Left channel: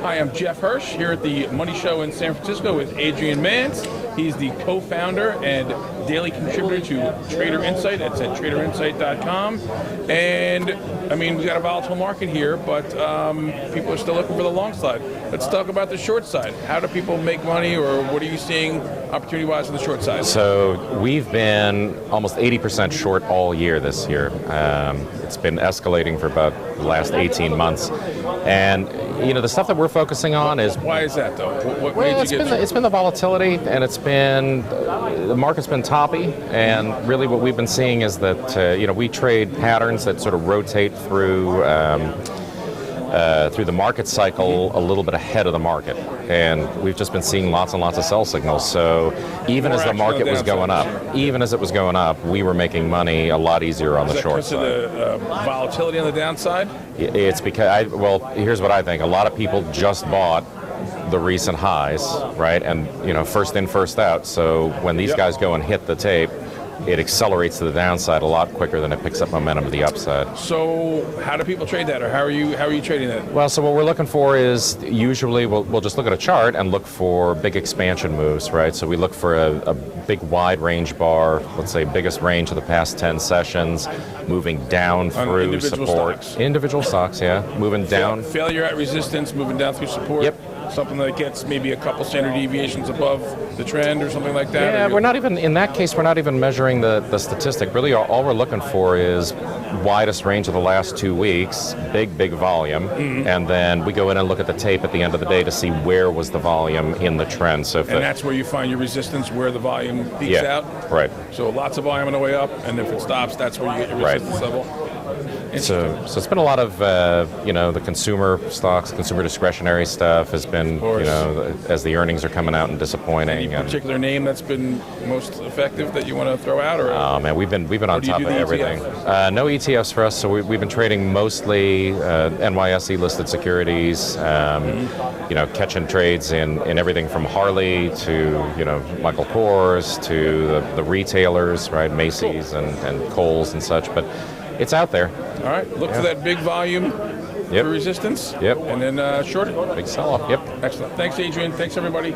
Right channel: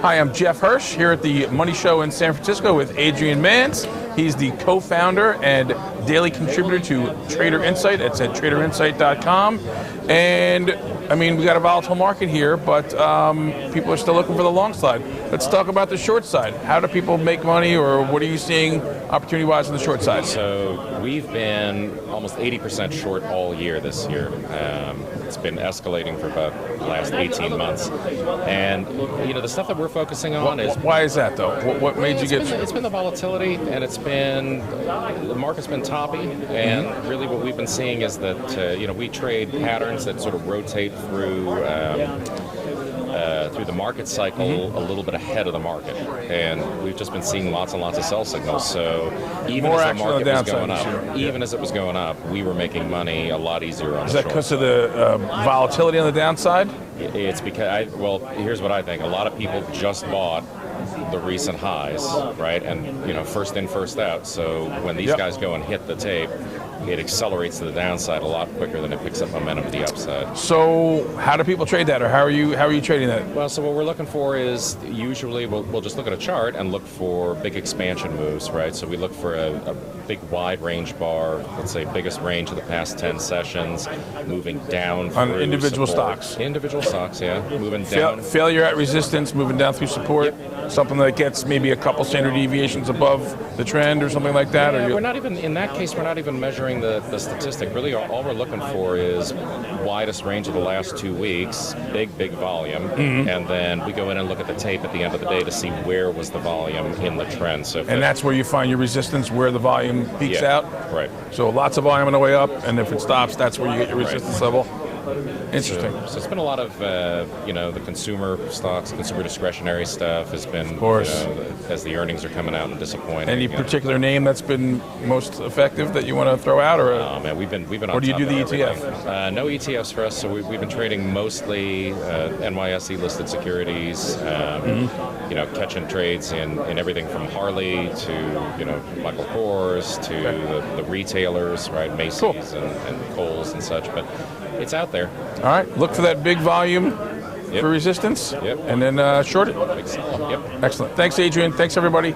Hi, I'm Jeff Hirsch here at the Money Show in San Francisco with Adrian Manz. He's the co-founder and daily contributor to Trader Insight. It's at traderinsight.com. And I mean, we got a volatile market here, but people are still looking for the long side. Let's talk about the short side. How do people make money, or what are you seeing opportunity-wise on the short side? So we've been almost 80% short all year this year. It's been escalating for about the last 18 months. And, you know, the stuff that we're focusing on is... Why is that, though? What made you get... It's been the volatility, and it's been... The market's been toppy, and really what we've been seeing is that, you know, we trade patterns that sort of rotate through the market cycle a little bit ahead of the market, and we've just been seeing lots and lots of sell signals. So even as the market was going up, we were making money a lot easier on the short side. Is that because of the volatility on the downside? It's because, well, here's what I think. A lot of people just bought the recent highs, right? And, you know, first in, first out. So when these guys go and hit the tape, it accelerates to the downside a lot quicker than it picks up momentum to the upside. So how do people trade that, or how are you trading that? Well, so what we're looking for is usually we'll just look at a chart and look for big expansion moves, right? So we look for a big wide range bar, let's say biggest range of the past 10 sessions, moving down through individual support. stocks. Individual stocks, yeah, moving down. Failure at resistance, moving down through support. Yep. Something that gets maybe a couple standard deviations above the trend or something like that? Yeah, we're not even, in that case, we're not even measuring the statistic. Really, all we're looking for is widest range of the last 2 weeks, big volume, and then we go in and look at the tape at the end of the day to see where was the volume in the trend. So and that's where you find your resistance, where the volume peaks out? Right. So lots of volume on the way up, and if it stops, that's where you get your resistance level? So it's been a lot of, you know, the consumer stocks, consumer discretionary stuff has been, you know, as the earnings are coming out and disappointing. Any particular name that's been most effective that you want to throw out? Or? Oh, man, we've been on top of everything. No ETFs for us, so we've been trading mostly NYSE listed securities, you know, catching trades in everything from Harley to, you know, Michael Kors to the retailers, right, Macy's and Kohl's and such, but it's out there. All right, look for that big volume for resistance. Yep. And then short it. Big sell-off. Yep. Excellent. Thanks, Adrian. Thanks, everybody.